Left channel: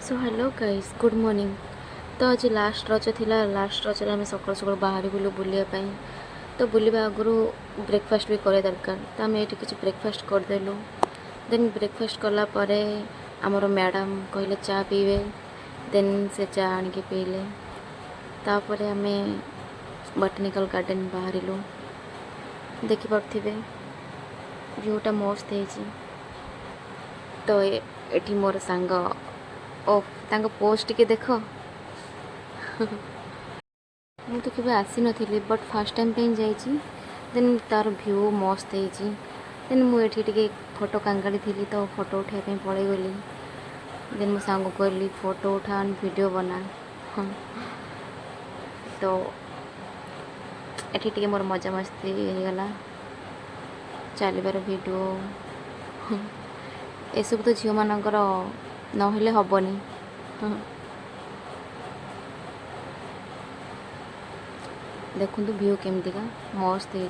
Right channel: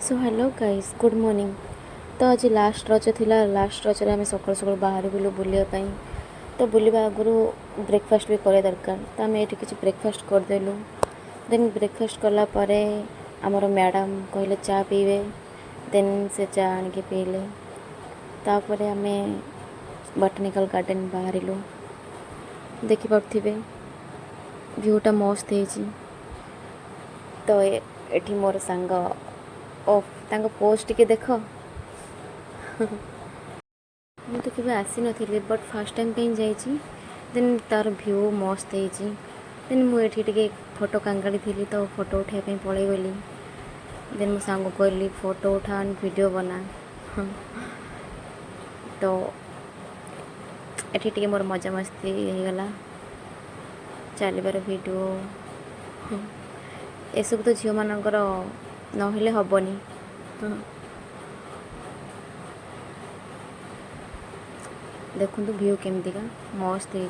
So hello guys good morning. तो आज last रज थिला। लास्ट रज आम सकाल सकाल बाहर बुलू बुलापी। तो बुलवा आगु ब्रेकफास्ट भी करे दरकार। तो आम ये किसी ब्रेकफास्ट करदेलु। देन ब्रेकफास्ट कलापर आमर मैडम कहले चा पीवे। देन से चा आनिके पीले। तापर आम बॉटनिकल गार्डन बाहरिलु। देखिपे व्यूटा मस्त है। तो ये मोर सांग ओफ तांको पोस्ट के देख मु तो केबे आसी नथिली बट फर्स्ट टाइम पे जाइछि। देन तार व्यू मस्त है। देन मु एठी टिके फोटो कांगाड़ी थी तो फोटो उठाई पे पड़े गली। देन मो सांग कहली फोटो उठा वीडियो बना। तो एठी टिके मोर मजा मस्ती हो गला चलबार वीडियो। ये सब तो झील मानकर नहले हबनी। देखु व्यू केमतिका मस्त है।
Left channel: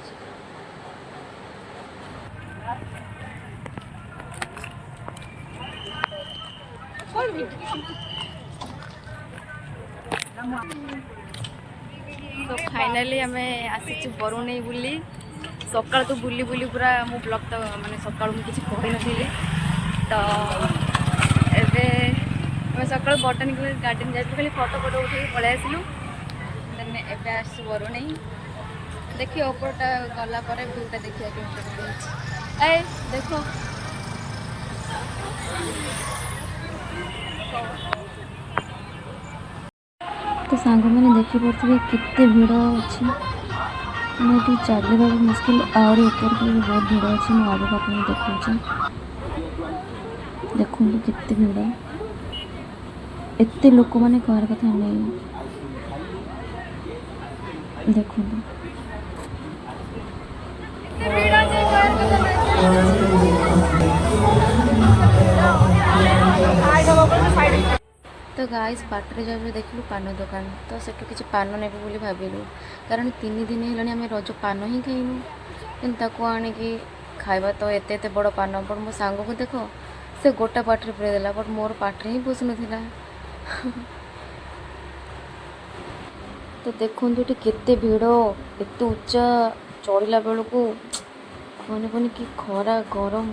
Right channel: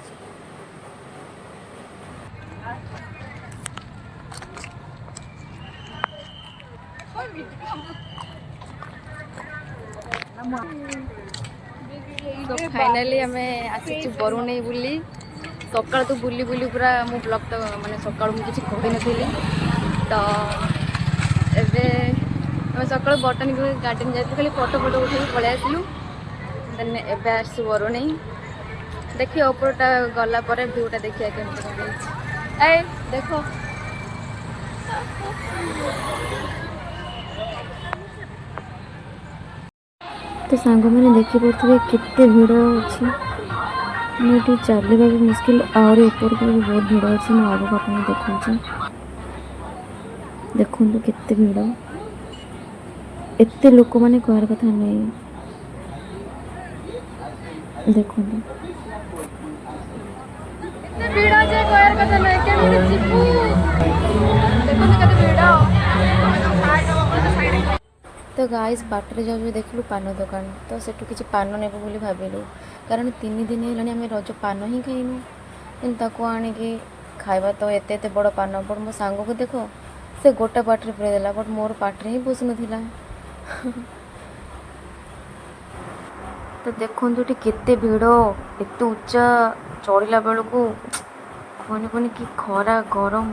तो फाइनली आम आसी बरुणेई बुली। सकाल तो बुली बुली पूरा मो ब्लॉग तो माने सकाल मुझे किसी कही नथिली। तो एबे आम सकाल बॉटनिकल गार्डन जाइलु खाली फोटो फोटो उठे पलि आसलु। देन एबे आसु बरुणेई देखिए ऊपरटा गला पर व्यूटा देखिए केमती कौन ए देखो। तो सांग मैंने देखिपे केते भिड़ अच्छी। मैं चलवा भी मुश्किल आहरी ऊपर को भी बहुत भिड़ अच्छी। मैं आगे आप देखा देखु केते भिड़ एत लोक मैंने कहर कथा नहीं। देखु तो गाइस बाटर जब देखलु पान दुकान तो सेठू किसी पान नेबू बोली भाविलु। कारण 3 दिन है आम रज पान ही खाइनु। ताको आणिकी खाइबा तो एते बड़ पान बट मो सांग को देख से गोटा पाटे पुरे देला बट मोर पाटे ही पोषु नाला। तो देखु केते भिड़ एत उच्चा चढ़ला बेलू कहने कहने कि खरा गरम।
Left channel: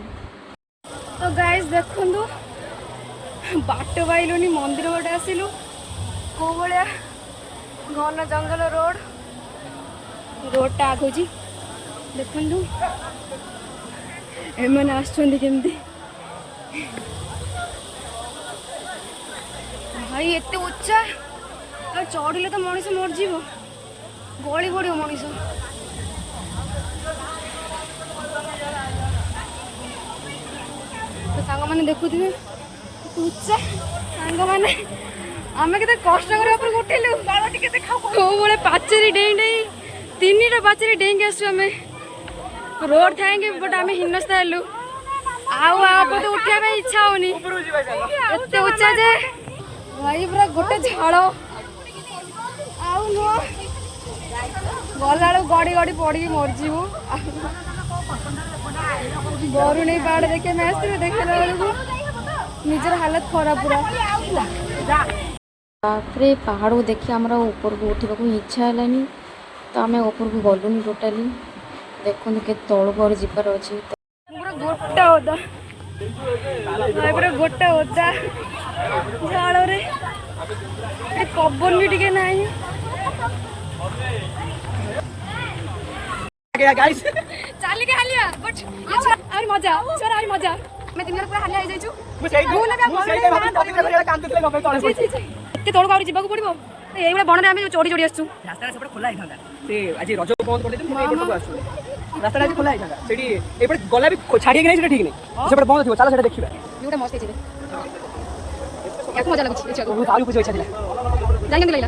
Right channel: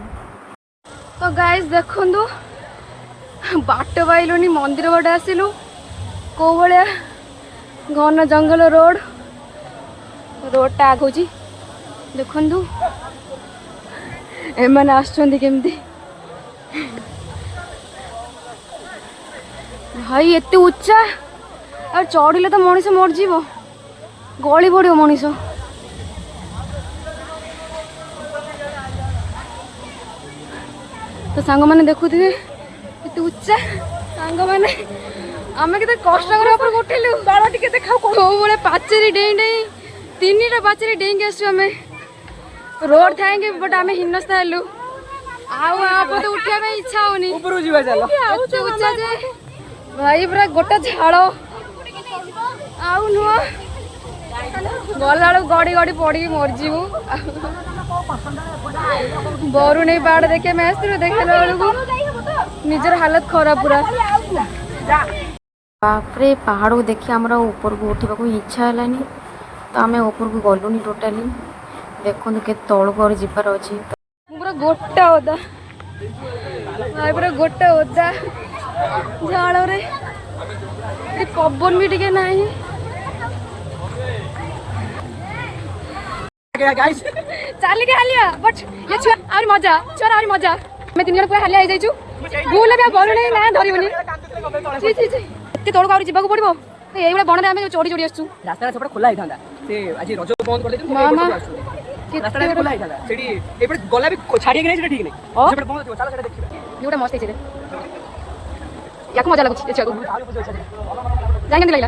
तो गाइस देखु बाट पाइलुनी मंदिर बाटे आसिलु को भाया घन जंगल रोडटा आगुची। देखु एमने आसुचंदी केमती भाई एते उच्चा आ चढ़िले तो मनीष मरजी गली पड़ मनीष। तो सांग मैंने देखुए उच्चा सांग मैंने आम के कष्ट कर उठिलु कौ पाचेरी डेई डेई 3टा पाचेरी डेई आसु आम रोड थाएंगे बट आम हिनस्ता हेलु आउ तो उठा इच्छा होनी एत उच्चा जे भाई पूरा गोटे झाड़ आउ नुह गला गड़ी गड़ी पड़ी मरजीबू। बरुणेई पहाड़ देखे मैं देखला बेलू निजर हालत खराब पूरा। बापरे पहाड़ को देखिए आमर ऊपर को उठा इच्छा है तो आम ऊपर को गलुनी टोटाली। देखो के तौल को जीवार अच्छी पूरा गोटा ओदा भाई पूरा गोटा ओदा झाड़ पवन भी टिके ना चलिए हालिया बट आहुरी मजा छोर आहुरी मजा आम 3 जन पूरा हालिया हो जाइछु। भूल भी बरुणेई ना धरबनी एत तौल को जावाक पड़ो ये बण में चोरी चोरी आसु रास्ता सब खोला होता आज रज बंद कर रास्ता आज खोला होता गला भी छाड़ी नहीं ठीक नहीं से बंद थी चलो देखिए व्यूटा मस्त है। क्या मजा लगुच जाएंगे लगला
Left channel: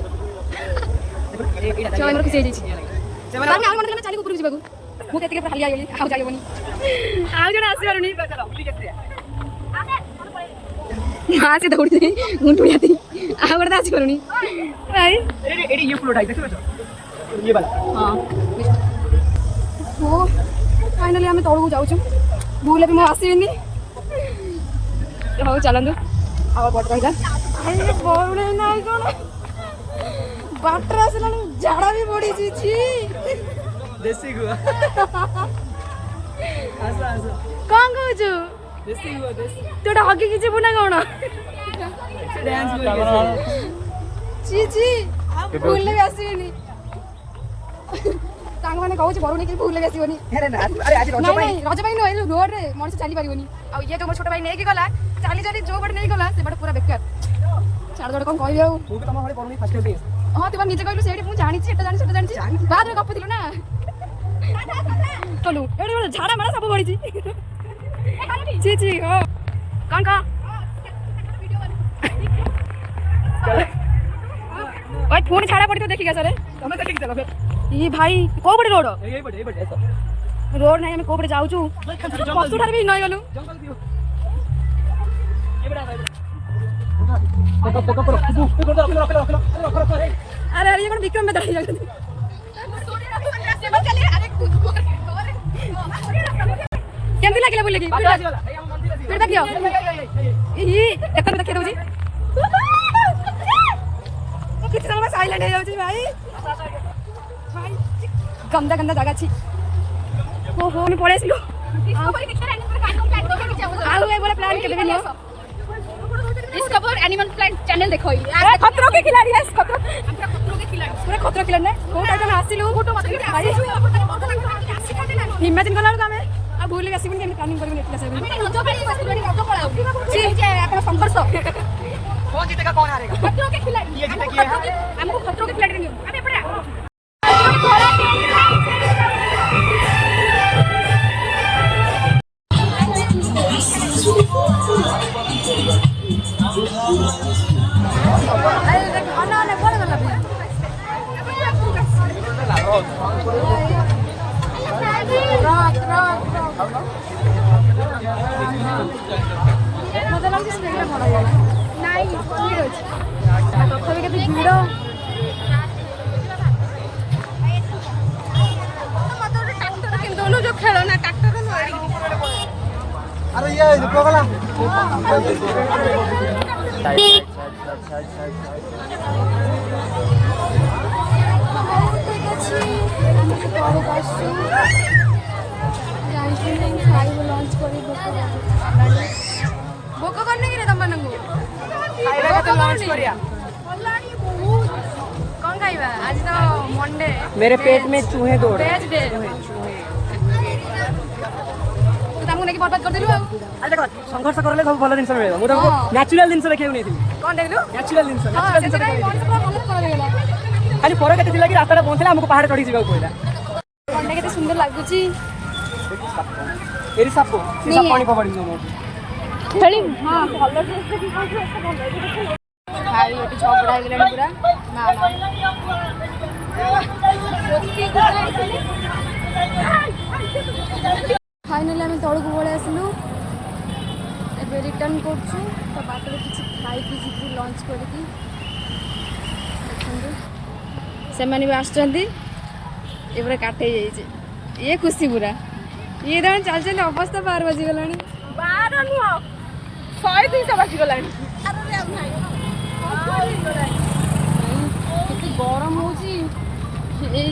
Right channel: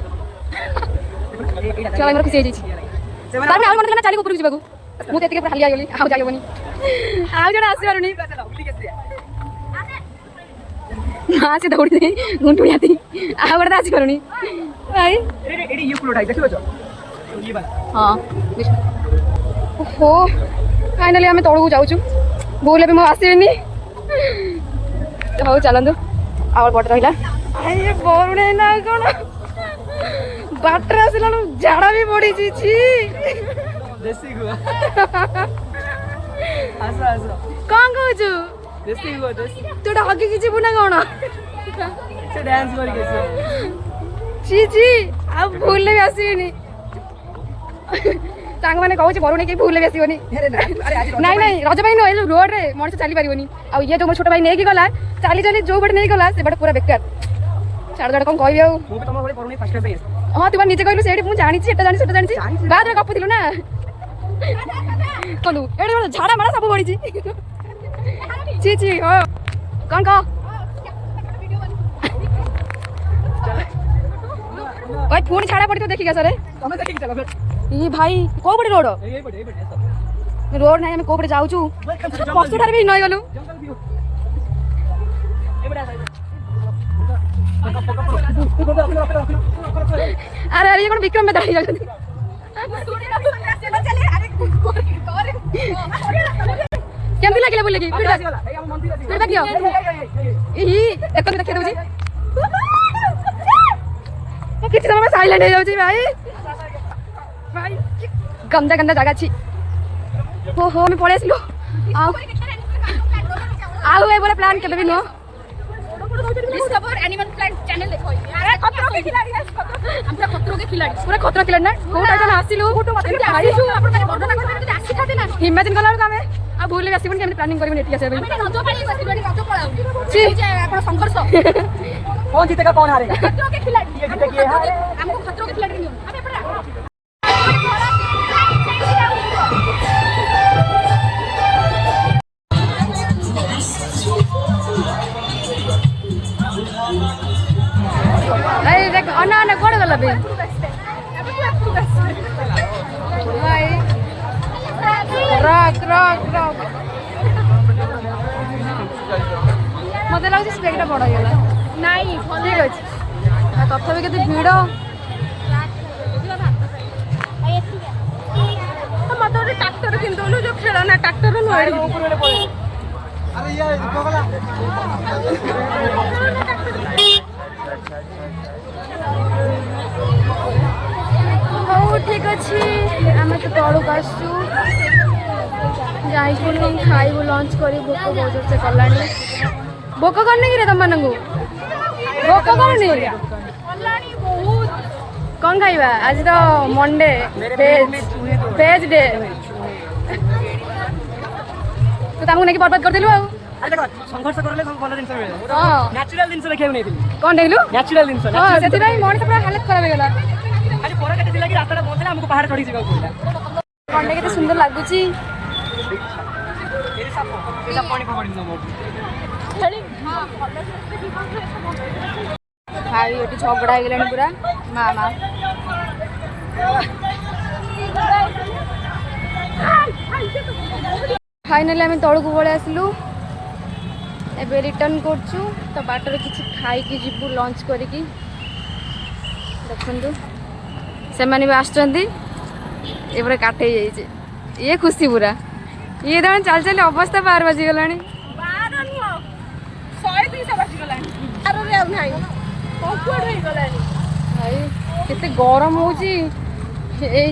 चलो खुशी हो चली ऊपर जावाक मुझे हालिया गली आउ जाइबनी आउ जन आसी पारुनी हाँ से दौड़ी गुंटुड़िया आउ गोटे आसी पारुनी भाई ये फ्लोटा देखिबो ये वाला हाँ ओहो फाइनली आम तौक जाऊँ भूल भी मुझे आसबी। हूँ चलतु आवर पट रहा ये बोने ना कौन बाटर आसला झाड़ा भी पड़ी छी देसी गुआ आस आस कौन कहू देसी गुआ देसी तू हगी कि जीवु ना कौन से डांस करके छी छी अब भूल भी आसीनी तांग माने कहू बरुणी के भूल भी आसीबनी अरे ना अरे आज नहीं नहीं रज भाई नो रोड रे मनुष्य चली पारिबनी आ ये जो मोर छोट भाई नेकी गला चाली चाली जो बट नहीं गला से बट पूरा बेकार छाड़ दड़ कौन कहबे तू भी तम भले परुनी फर्स्ट टाइम पे हां तू निजे कहलु सेठी मु जानि छी एटा जानि सेटा जानि छी बाद में गप दिलु ना कहलु एडी बड़ झाड़ा मारा सब बड़ी छी छी हो कौन कह ओए फोन छाड़ा पड़ी तो देखी गया सर तमे देखि चलो फिर ये भाई को बड़े रोड यही बड़े रोड नहीं हमें को बड़े जाऊ छु पस्तु ठार भी नई गलु जंगल भी ए बड़ा अरे अरे ये कौन विक्रम में दाई जाती केमती लागला बोले की फिर देखियो ई एक देखि दउजी किसी समय साइलेंट हो जाउजी भाई भाई गंदा गंदा जगह छी हो मैं पळे आसिलो आउ ए बोले प्लान के देबी know discover animal plant channel देखो खतरों के खिलाड़ी है खतरों के खिलाड़ी पूरा खतरा किलन ना को टाइम में आसिलु भाई इमेजिन कला हमें आ भूल आसीबन के प्लानिंग करबे नेटी आसे रज पानी बसलुनी रज पळाउ छी जे आपण संघर्ष कौन जीतेगा कौन हारेगा खतरों के खिलाड़ी हमको खतरों के खिलाड़ी नहीं अबे पड़ा अरे देख अना अना कोड गला बे भाई रॉक रॉक रॉक मते लागछ स्पेक्टा बड़ गेला नहीं ठीक अछि आ तथापि केते भीड़ मत ट्रैक्टर किन दोनों जो खेलना ट्रैक्टर नोड़ी अरे ये रुको गला ହଉ ଠିକ ଅଛି ଆମେ ତ ତଳକୁ ଆସୁଛୁ ଯାଇକି କ'ଣ ଖାଇବୁ ଲଞ୍ଚ କରି ଭୋକ ବହୁତ ଜୋରସେ କଲାଣି ଭୋକ କରିନି କିରେ ତମମାନଙ୍କୁ ଭୋକ କରୁନି कल्याणी बहुत କ'ଣ ଖାଇବା ଆଜି ତ ମଣ୍ଡେ मेरे पेट में चूहे दो ଭେଜ୍ ଡେ ତୁ ତାଙ୍କୁ ନେଇକି ବର୍ବାଦ କରିଦେଲୁ ଆଉ अरे देखो संघर्ष करले सब भलो जिंस मिले मु हाँ। नेचुरल जिंस देखियो नेथिली କ'ଣ ନେଇଲୁ नेचुरल जिंस ସେଥିପାଇଁ ମଣିଷ ପୁରା ହାଲତ ଖରାପ ହେଇଗଲା खाली फरक एते थिला कि रास्ता पहुंचला हमको पहाड़ चढ़ी जीवा पड़ला କଣ୍ଟା କେତେ ସୁନ୍ଦର ଲାଗୁଛି एरी साप को सब पानी पकड़ी न मो खेली हां भलो ଭାଇ ଏଠି ଝଗଡ଼ା ହେଇଗଲାଣି ପୁରା ମା ମା फाइनाली आम तौक पलि आसलु एबे रिटर्न करछु तो बाटर किसी खाई जीवु लंच करिकी देखु से भी आसुँच ये पूरा काटे जाइए ये खुशी पूरा ये जन चल चल अवस्था 12 बजीगला 12 नुह 100 200 बजीगलानी भाई केते गरम हो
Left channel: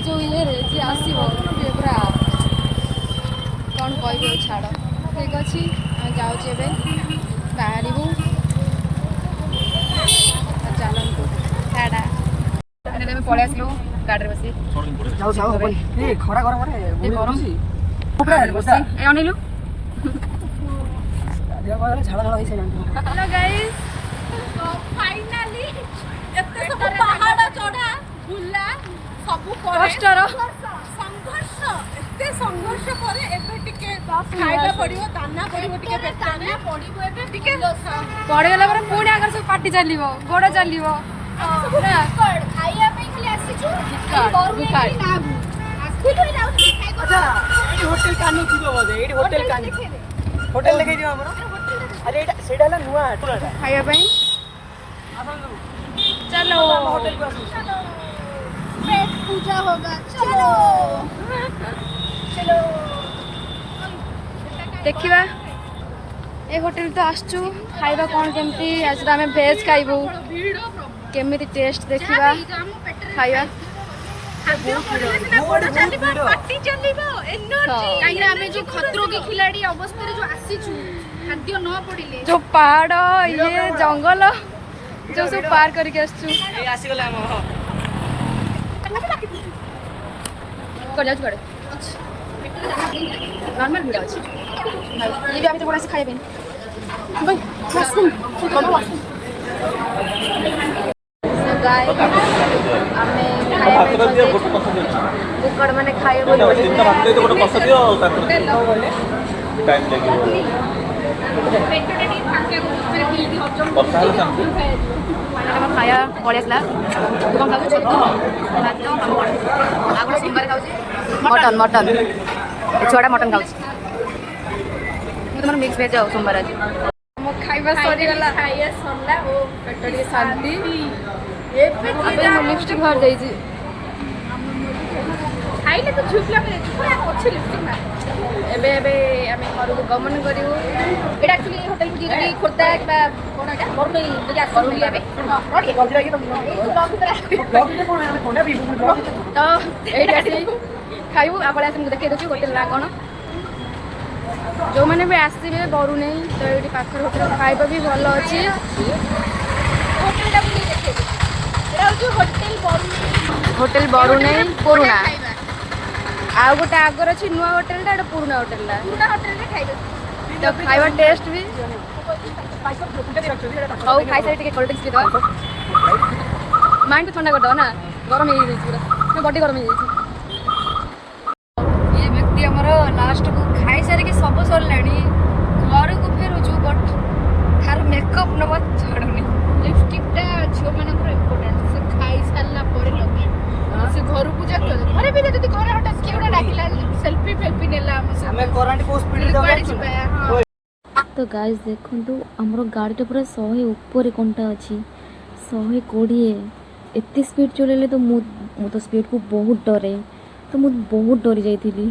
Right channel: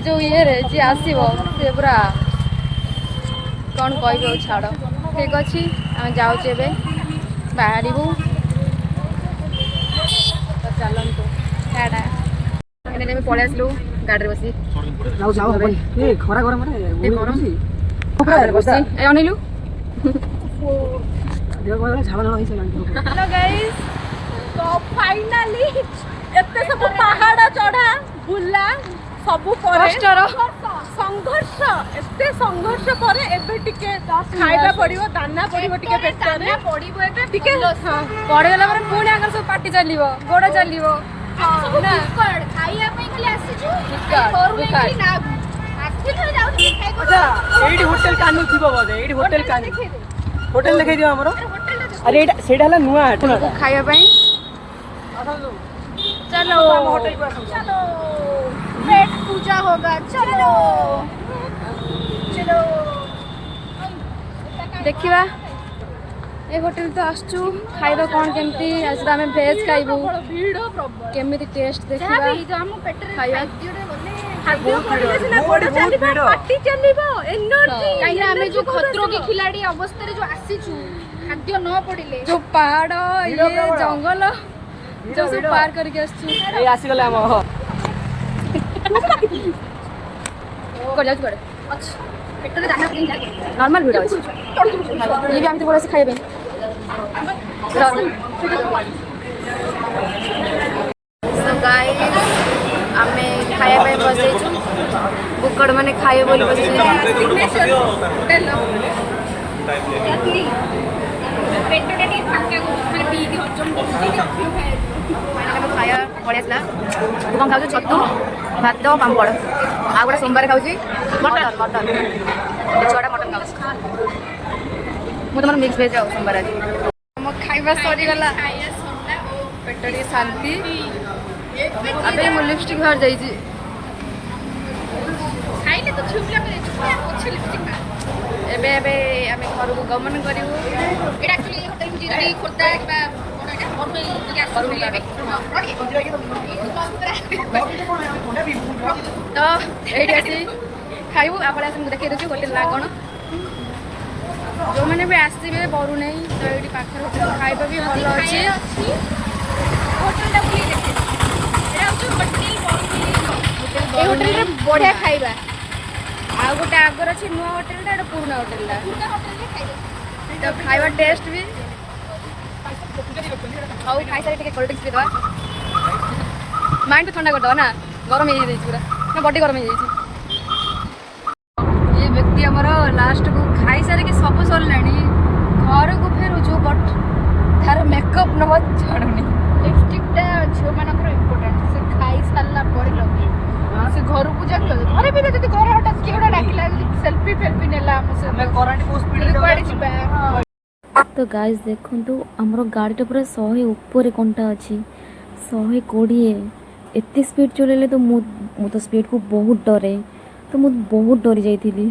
जो ये रे जी आसो सी पूरा कौन कह छाड़ ठीक अच्छे आम जाऊे बाहर तो चलतु टाटा पलि आसलु गाड़ी बसी जाऊ जाऊ हबनी ए खरा गरम रे गरम बसी ए अनिलु देह गला झाड़ा झाड़ा होई से हेलो गाइस तो फाइनाली एते सब पहाड़ चढ़ा बुला सब कष्टर संघर्ष एते संघर्ष पर एबे टिके खाइबा पड़ियो दाना पड़ियो टिके पेट दाना पड़ियो एबे टिके पड़गला पर पुणी आगर सब पार्टी चलो गोड़ चलो ना खाइया पे खाली आसीछु टिकट, घर में टिकट। ना आखि तो जाउछी अच्छा एडी होटल कानु थिबो बोदे एडी होटल कानु होटल लगे दियो हमरो अरे एटा सेडा हला नुआ होटल को खाइया ପାଇଁ चलो होटल को आसु चलो पेट पूजा होगा चलो चलो देखिबा ए होटल तो आसचु खाइबा कौन केमती आज तो आमे वेज खाइबु ଭିଡ ପ୍ରବଳ केमिति टेस्ट देखिबा ଆମ ପେଟରେ ଖାଇବା ପାଟି ଚାଲିବ ଏନର୍ଜି କାହିଁକି ଆମେ ଯୋଉ ଖତରୋ କି ଖିଲାଡି ଅବସ୍ଥାରେ ଯୋଉ ଆସିଛୁ ଖାଦ୍ୟ ନ ପଡିଲେ जो पहाड़ ये जंगल जो सब पार करके आसचु ଏଇ ଆସିଗଲେ ଆମ कर जाउ करे नॉर्मल भिड अछि ये भी आमी तो बोला से खाइबे सो गाइस आमे खाइबा पे बसे बुकड़ माने खाइबे बोली बसे ପେଟଟା ଟିକେ ଫାଙ୍କା ମାନେ ପିଇକି ହଜମ କରୁଛି फाइनल हम खाया पड़े आसला तू कौन खाऊ छतु भात पापड़ आ गोटे सोमवार खाऊँ मटन मटन छुआ मटन खाऊ ମୁଁ ତୁମର ମିକ୍ସ ଭେଜ୍ ଆଉ सोमवार आज ଆମ ଖାଇବା ସରିଗଲା ଖାଇବା ସରିଲା ଓ ପେଟ ଟିକେ ଶାନ୍ତି ଏବେ ମୁଁ ଲିପଷ୍ଟିକ୍ ବାହାରି ଯାଇଛି ଖାଇଲେ ତ ଝୁଲିଆ ଅଛି ଲିପଷ୍ଟିକ୍ ମାର ଏବେ ଏବେ ଆମେ ଘରକୁ ଗମନ କରିବୁ ଏଇଟା ଆକ୍ଚୁଆଲି ହୋଟେଲ କୁ ଯିଏ ଖୋର୍ଦ୍ଧା କିମ୍ବା କଣ ଏଇଟା ବରୁଣେଇ ଯଦି ଆସିବେ ତ ଏଇଠି ଆସି ଖାଇବୁ ଆପଣ ଆସି ମୁଁ ଦେଖେଇ ଦେଉଛି ହୋଟେଲ ନାଁ କ'ଣ ଯେଉଁମାନେ ବି ଆସିବେ ବରୁଣେଇ ତ ଏଇଠି ପାଖରେ ହୋଟେଲ ଖାଇବା ବି ଭଲ ଅଛି ହୋଟେଲଟା ବୁଲି ଦେଖେଇବେ ଏଇଟା ହେଉଛି ହୋଟେଲ ବରୁଣେଇ ପୁରୁଣା ଖାଇବା ଆଉ ଗୋଟେ ଆଗର ଅଛି ନୂଆ ହୋଟେଲଟା ଏଇଟା ପୁରୁଣା ହୋଟେଲଟା ପୁରୁଣା ହୋଟେଲରେ ଖାଇବା ତ ଖାଇବା ଟେଷ୍ଟ ବି ହଉ ଖାଇସାରି ଟିକେ କୋଲ୍ଡ ଡ୍ରିଙ୍କ୍ସ ପିଇଦେବା ମାଇଣ୍ଡ ବି ଥଣ୍ଡା କରିଦେବା ନା ଗରମ ହେଇଯାଇଛି ପୁରା ନା ବଡି ଗରମ ହେଇଯାଇଛି ଇଏ ବ୍ୟକ୍ତି ଆମର ଲାଷ୍ଟକୁ ଖାଇସାରିକି ସବୁ ସରିଲାଣି ଘରକୁ ଫେରୁଛୁ ବଟ୍ ତାର ମେକଅପ୍ ନ ଛାଡ଼ୁନି ଲିପଷ୍ଟିକ୍ଟା ଝିଅମାନଙ୍କର ଇମ୍ପୋର୍ଟାଣ୍ଟ ସେ ଖାଇ ସାରିଲା ପରେ ଲଗେଇ ସେ ଘରକୁ ଯା ଘରେ ବି ଯଦି ଘରେ ହଠାତ୍ କିଏ ଗୋଟେ ଡାକିଲା ସେଲ୍ଫି ଫେଲ୍ଫି ନେଲା ଆମ ସହିତ କୁଆଡ଼େ ଯିବା तो गाइस देखंतु हमरो गाड़ी पूरा 100 ऊपर कंटा अच्छी 120 एते स्पीड चलेले तो मु तो स्पीड को बहुत डरे तो मु बहुत डरी जाइथिली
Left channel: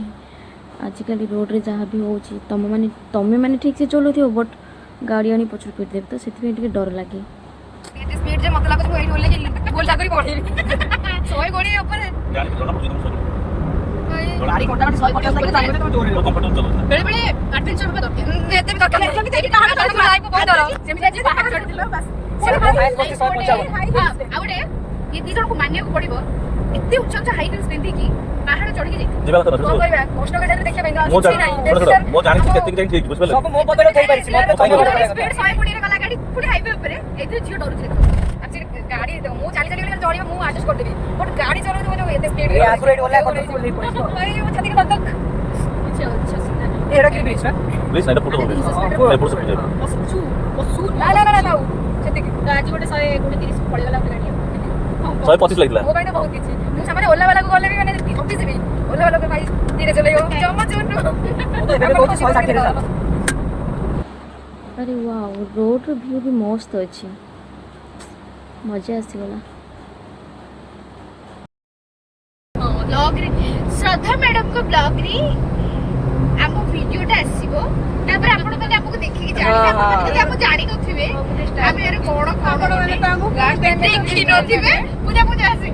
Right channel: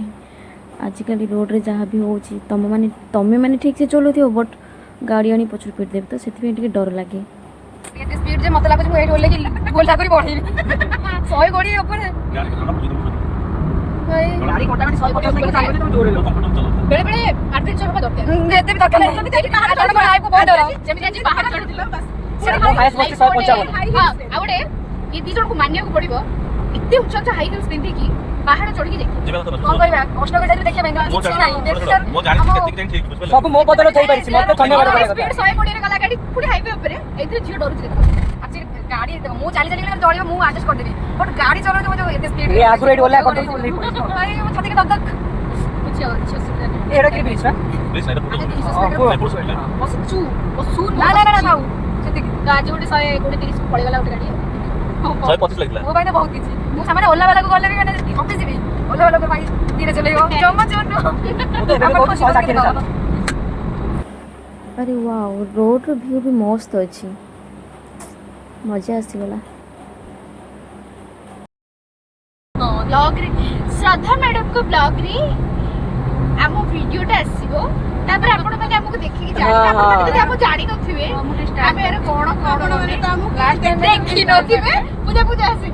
आजिकल रोड रे जहाँ भी होची तमे माने ठीक से चलुथियो बट गाड़ी आनी पछुर पीट देब तो सेति टिके डर लागे एते स्पीड जे मत लागो एठी होले कि गोल जाकरी बढ़ी 100 गोड़ी ऊपर गाड़ी कोटा गाड़ी 100 कोटी ऊपर जाइबे तो दौड़े बेले बेले एडवेंचर होबा दरकार एते भी दरकार नहीं तेरी कहां डर पर आइबो बहुत डर जेमि जाजी बाहर चढ़ दिलो बस हाई ये दी जन को मानिया को पड़िबो एते उच्च उच्च हाई हिल्स पिंदी की पहाड़ चढ़ी के जाई कौन करबा कष्ट कर जाते देखिया बेंगा मो जानि केते केते ठीक बुझले सब मो बदल थई पाइछि स्पीड 100 कोड़ी रे गला गाड़ी पुडी हाईवे ऊपर एते जियो डरू देखो एक्चुअली गाड़ी मु चाली चाली जळियो मु एडजस्ट कर देबी बट गाड़ी चलो तो एते स्पीड ए आगु रेड ओला कर अरे मो छाती के धक चल चल एड़ा के बीच में please night photo A push कर बसचू बसू ना ना ना ना जति गाजी गोटे 100 गोटे 30 पळे गला गोटे गाड़ी 125 लाइला वो भाई तो बहुत इजी मु सामने ओला वाला को गले भी मैंने ऑफिस भी ओला वाला को भाई धीरे चलेयो चम्मच जोटू बहुत 160 रे अरे वाओ रोड रो व्यू भी मस्त अच्छी मजा आसीगला ब्लॉग रे श्रद्धा मैडम को ब्लॉग रे आम वीडियोटा आसीबो तापर आपण माने हमको देखि कि जानि आपण माने जदि हम जानि नथिबे आमे यार कोण कोण नने देखि नथिबे पूजा पूजा आसी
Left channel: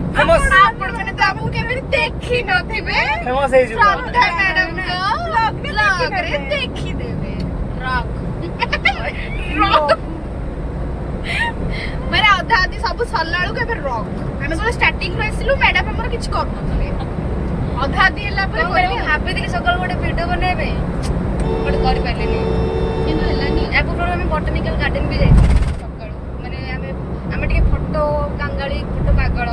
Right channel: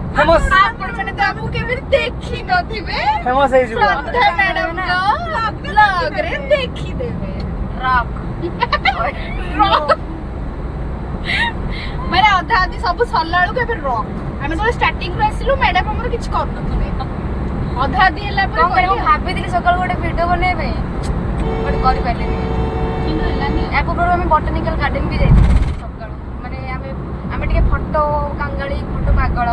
आपण माने तो हमको केबे देखि नथिबे फेमस है श्रद्धा मैडम को ब्लॉग रे देखि देबे रॉक मेरे अधा आदि सब सरलाळू के फिर रॉक आमे तो स्टार्टिंग रे आसिलु मैडम हमर किछ कर नथले अधा आदि हला पर कहली भाबी दिली सकाळ गोटे वीडियो बनेबे बट करि पाइलेनी किंतु हलानी या पूर्व में बॉटनिकल गार्डन भी जाई सकाळ माने आमे टिके फोटो कांगाली फोटो पागळ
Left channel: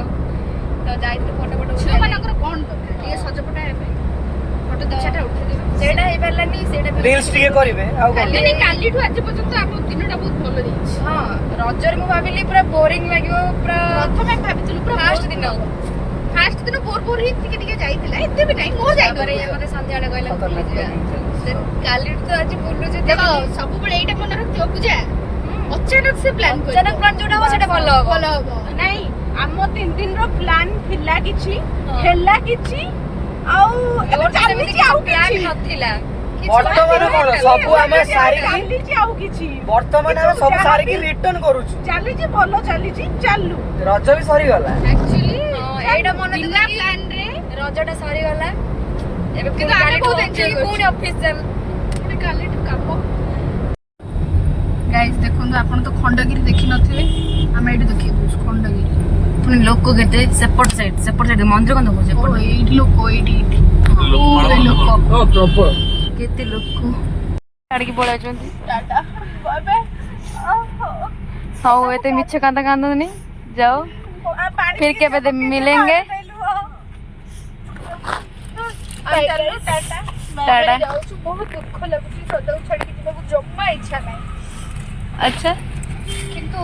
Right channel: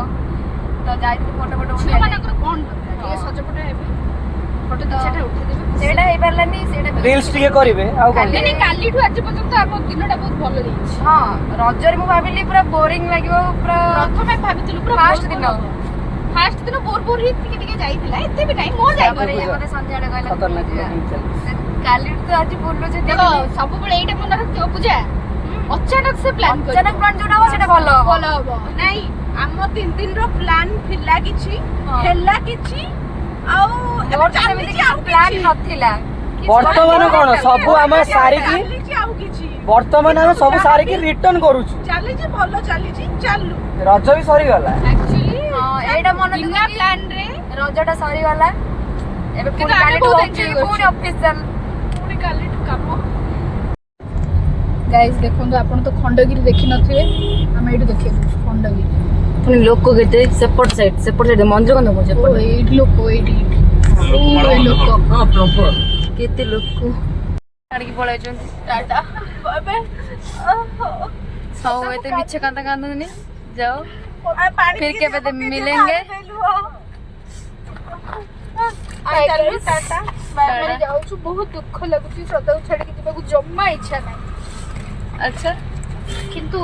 तो जाई फोटो फोटो झियो मानकर कोन दरकार ये सजपटा हेबे फोटो दिछाटा उठे देबे सेटा हे पारलानी सेटा भी रील्स टिके करिवे काली नहीं काली ठु आज पर्यंत हम दिनटा बहुत भलो जाईछि हां रजर मु भाबिली पूरा बोरिंग लागियो पूरा प्रथमे भाबितलु पूरा फास्ट दिन बोर बोर ही टिके जाईथिला एते भी नहीं मो जाई करे मते संध्याडा कहला बुली जिया काली तो आज बोललो जे देखो सब बळे एटा मन रखियो पूजा अचानक से प्लान कर अचानक प्लान जोडा हो सेटा भलो हो भलो हो नहीं हम 3 दिन रो प्लान थिला किछि हेला किछि आउ और सेमिति प्लान नथिला ବର୍ତ୍ତମାନ କଣ ସବୁ ଆମେ ସାରିକି ଚାଲିଛି ଆଉ କିଛି ବର୍ତ୍ତମାନ ଆମେ ସବୁ ସାରିକି ରିଟର୍ନ କରୁଛୁ। ଚାଲିଛି ଭଲ ଚାଲିଛି ଚାଲୁ। ରଜ ବି ସରିଗଲା। ଆକ୍ଚୁଆଲି ଏଇଟା ମନେ ବିନା ପ୍ଲାନ ରେ ରଜଟା ସରିଗଲା ଏବେ କିନ୍ତୁ ଆମେ ବହୁତ enjoy କରୁଛୁ। ପୁଣି ଅଫିସ ଚାଲ ପୁଣି କାଲିଠୁ କାମ। ଗାଇସ୍ ଦେଖନ୍ତୁ ଆପଣ ତ ଖଣ୍ଡଗିରି ଦେଖିନଥିବେ ଆମେ ଏଇଠି ଦେଖିବାକୁ ଖଣ୍ଡଗିରି। ପୁଣି ଲୋକ କେତେ ସେପଟ ସାଇଡ୍ ମନ୍ଦିର କଣ ଦେଖୁଛ ଓ ଏଇଠି ଲୋକ ଏଇଠି ଏଇ ଲୋକ ହଁ ପ୍ରବଳ। କେତେ ଲୋକ ଛାଡ଼ିକି ପଳାଇଛନ୍ତି। Tata bye bye. ହଉ ଏତେ ମିଛ କାନ୍ଦନ୍ତୁନି ଯାओ फिर केबे मिलेंगे टाटा ଯାଉଛୁ ବହୁତ ଦୁଃଖ ଲାଗୁଛି ସଦାକୁ ଛାଡିକି ଯିବାକୁ ଜମା ଇଚ୍ଛା ନାହିଁ। अच्छा କିନ୍ତୁ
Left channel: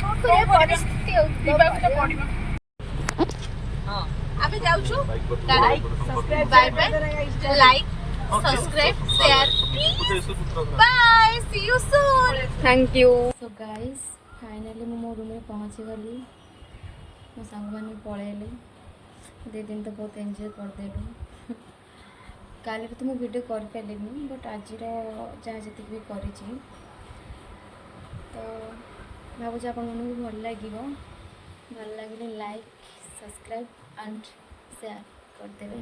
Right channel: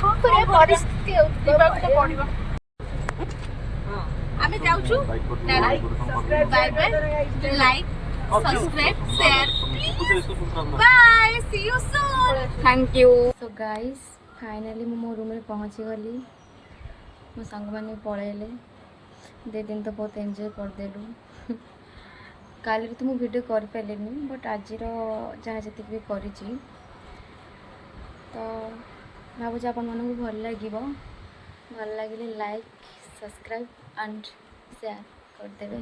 କଣ କରିବା ପରିସ୍ଥିତି ଯିବାକୁ ତ ପଡିବ। ଆମେ ଯାଉଛୁ bye bye like subscribe share bye see you soon. Thank you so guys finally ମୁଁ ମୋ ରୁମ୍ରେ ପହଞ୍ଚିଗଲି। ମୋ ସାଙ୍ଗମାନେ ପଳେଇଲେ। 2 ଦିନ ତ ବହୁତ ଏନ୍ଜୟ କରିଦେଲୁ। କାଲିରେ ତ ମୁଁ ଭିଡ଼ିଓ କରିପାରିଲିନି ବଟ୍ ଆଜିର ଯାହା ଯେତିକି ବି କରିଛି ତ ଭାବୁଛି ଆପଣମାନଙ୍କୁ ଭଲ ଲାଗିବ। ଭଲ ଲାଗିଲେ ଲାଇକ୍ ସବସ୍କ୍ରାଇବ୍ ଆଣ୍ଡ ସେୟାର କରିଦେବେ।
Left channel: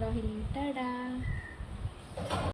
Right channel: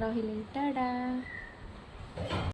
ରହିଲି ଟାଟା।